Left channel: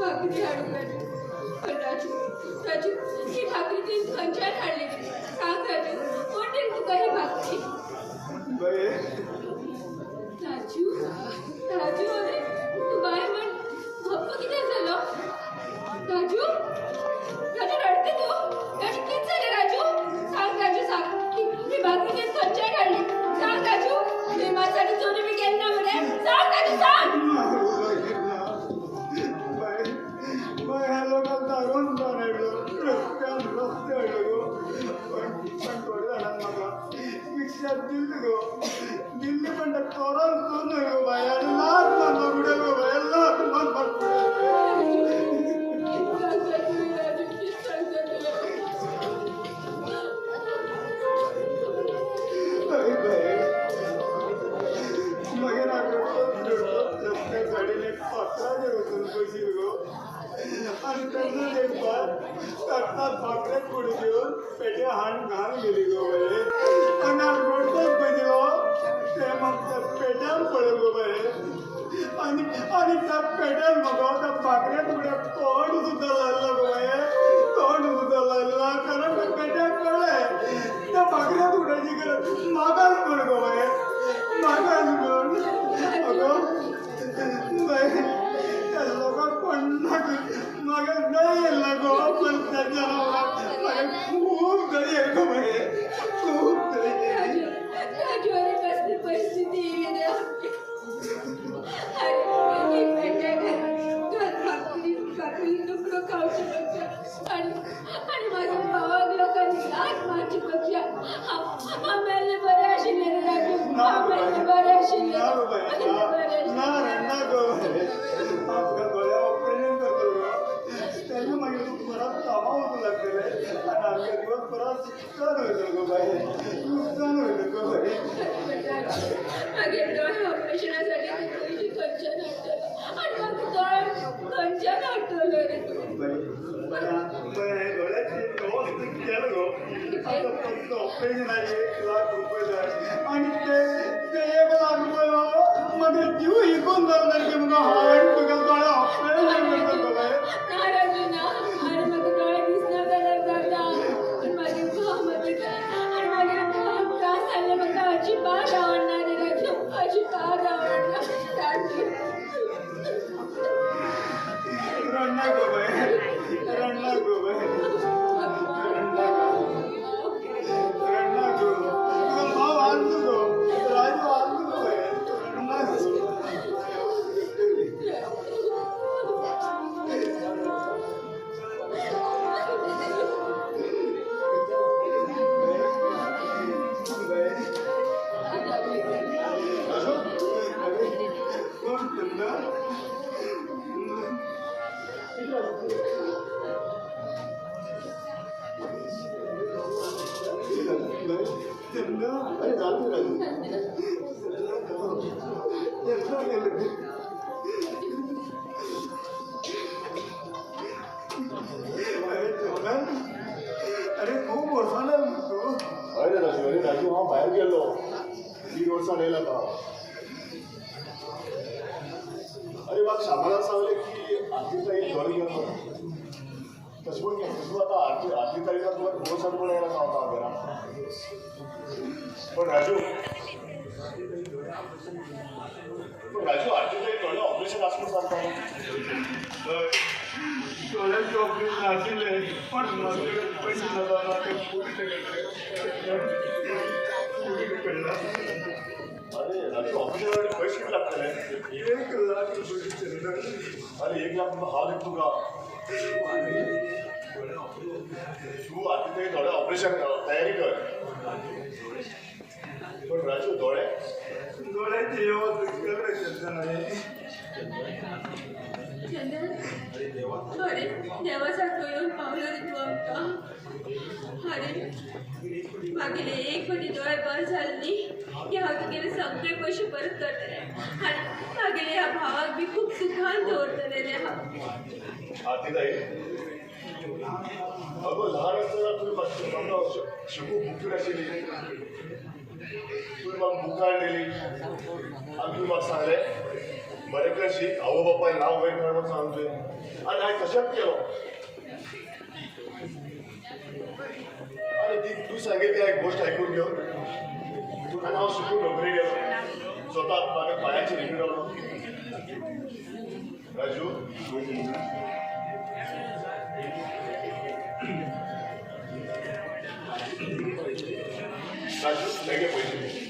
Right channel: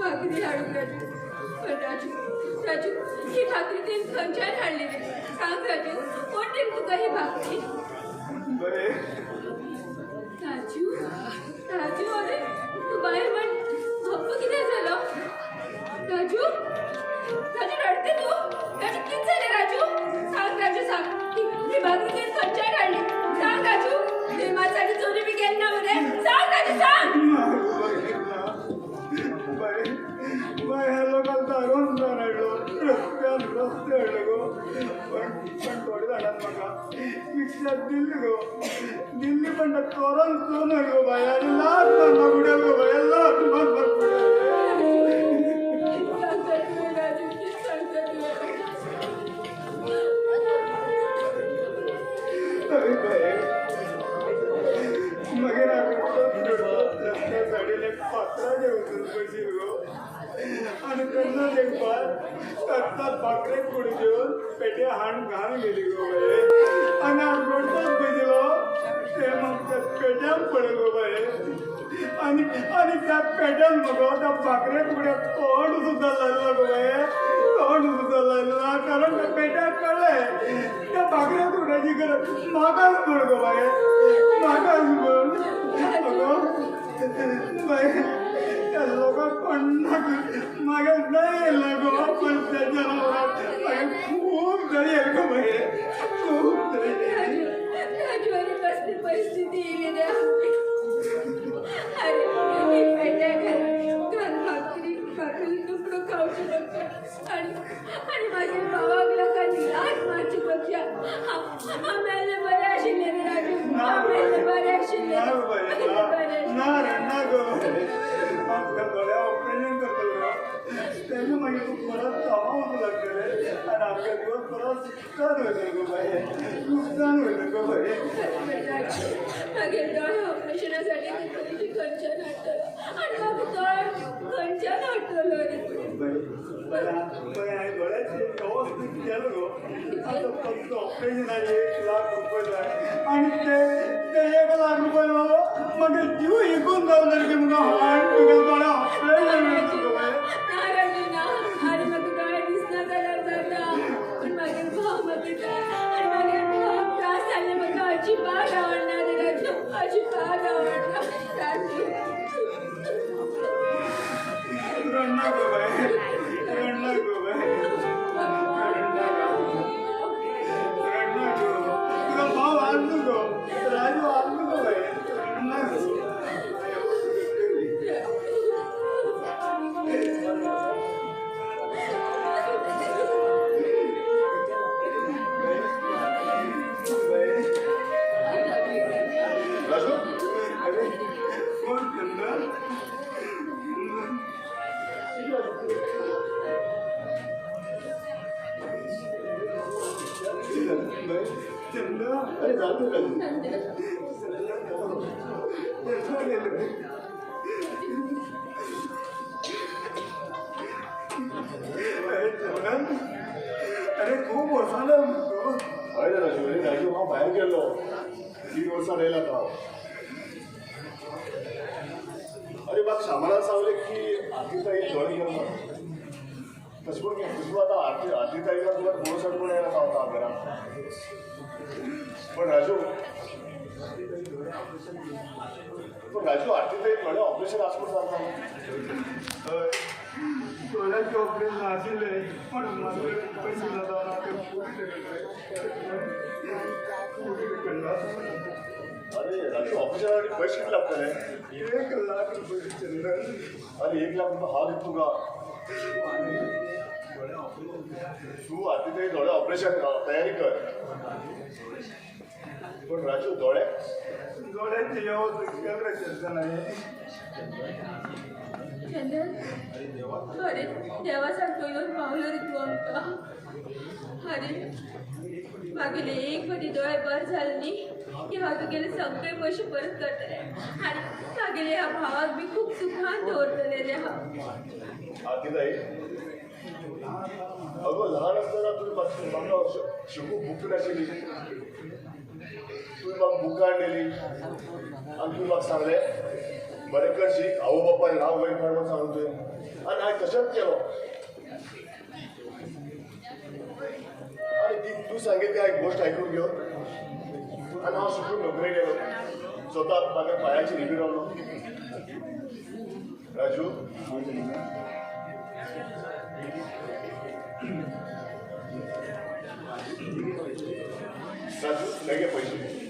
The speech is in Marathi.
भाकरी हाडून राजू. पण राजू राजू ही भाकरी ते खंयच्यान हाडली रे? सांग राजू, कोण दिली तुका ही भाकरी? राजू राजू अरे तू बाय म्हण गप्प किती झालं? राजू राजू रडते तू? राजू किती झाले राजू? सांग राजू सांग, ही भाकरी ते खंयच्यान हाडली? सांग राजू, मी माझ्यासाठी चोरी बी केली ना मध्ये? सांग राजू सांग. दिल्ली पण तोरण सोन गो बाय आणि लाख पुढे गो बाय लाख पुढे साडीने पात्रा जेवून बशील गो आणि त्यांना एक बार करतात भाकरे पुढे घेऊन पेटे हाण घाण गेली गो बाय आणि रोडचाच बजिलो ते मग त्या पेट्यान पडलो गो बाय आणि त्या पेट्यान मगो त्या भाकरे पुढे तोंड सुद्धा लागलं गो बाय तोंड सुद्धा लागला कारण त्या पेट्याक कळलंय त्या भाकऱ्या तुडायची गरज मागास पड गो बाय मागास पड बाय त्या लोकांक पडणार मागे नाही येईल गो पण त्या जनावरांक खूप दरी आहे गो बाय खूप दरी राजू अरे कसली परिस्थिती येईल रे आपली. अरे ही पेट्या घर भाकरी तुकडं खाऊची बघा आणि माझ्या भावाक लोकांनी लाच मारची बघा. आम्हाला बरे आशिल्ले रे राजू, आम्हाला बरे आशिल्ले आमच्या डोळ्या ऑपरेशन करतो तेव्हा मागीर परत कामावून लागतले आणि आमच्या दिवस परत नुकसान वयतले गो बाय नुकसान वयतले गो बाय. मागीर दोळे ऑपरेशनासाठी तुझी खंयच्यान हाडटलो आणि म्हाका दोळे खंयच्यान हाडटलो रे तूं? डोळ्याचे व्यवस्थित केलं गो आता फक्त ऑपरेशनाचे 1 लाख रुपये जाय आणि ते 1 लाख रुपये मागीर जीव इकून जावं की मग हार्ट तुगे डोळे ऑपरेशन करतो बाय. ना राजू ना आणि मागीर दोळे दिसना जाल्यार जाता पण मागीर भाव मागता आणि मागीर भाव त्रास जाल्ले म्हाका अजिबात आवडना रे राजू, अजिबात आवडना राजू. रडना गो बाय रडना गो बाय रडना गो तुका भाव आणतो गो राजू आणतो गो बाय रडना गो. राजू अरे कोण चंदा चंदा अरे जातो राजू अरे खूप वर्षाला अरे राजू अरे राजू हांव भायर गेल्लो 3 वर्सां येयला आता. अरे म्हाका शामारान सांगलें की आरती तारीख दोळे गेलो तशें पूण तूं आतां आरती तारीखाक तुका 2 वर्सां पूण येयला पावता घरा. पण राजू आरती तारीख दोळे ऑपरेशन आसून जाता डोळ्याचे ऑपरेशन आशिल्ले पण माझ्याकडे पैसे नसताना ते पडला. अरे राजू ऑपरेशनासाठी पैसे किती लागतले? 1 लाख रुपये चंदन. अरे 1 लाख रुपये हांव दिता तुका. तूं आरती तारीख दोळे ऑपरेशन तयारी कर. पण राजू डोळ्याचे व्यवस्थित केलं चंदन चंदन अरे देवासारखं येऊन पावलं रे तू आमकां. अरे मागेले एक फावटी दोळे बरे जाले न्ही की हांव तुगेले सगळे पयशे परत करतले आनी मागेले ह्या भावाक बी खूब सुखान दवरतले रे हांव. आरती ताई अगो ल्हान आसतना तुवें म्हाका शिकूंक बूक नाशिल्ली तुवें म्हाका बुकां हाडलेली आनी तुवें म्हाका सांगलें बरें कर शिक आवो बापाय नाव वयर काडून सांगतोय आनी हांवें तशेंच केलो आनी ती तूं सांगेल ती हांवें गोश्ट आयकून घेवन आनी हांव शिकून नोकरी गेलो स्वता म्हाका पांयाचेर उबी रावलो राजू राजू बेगे पयशे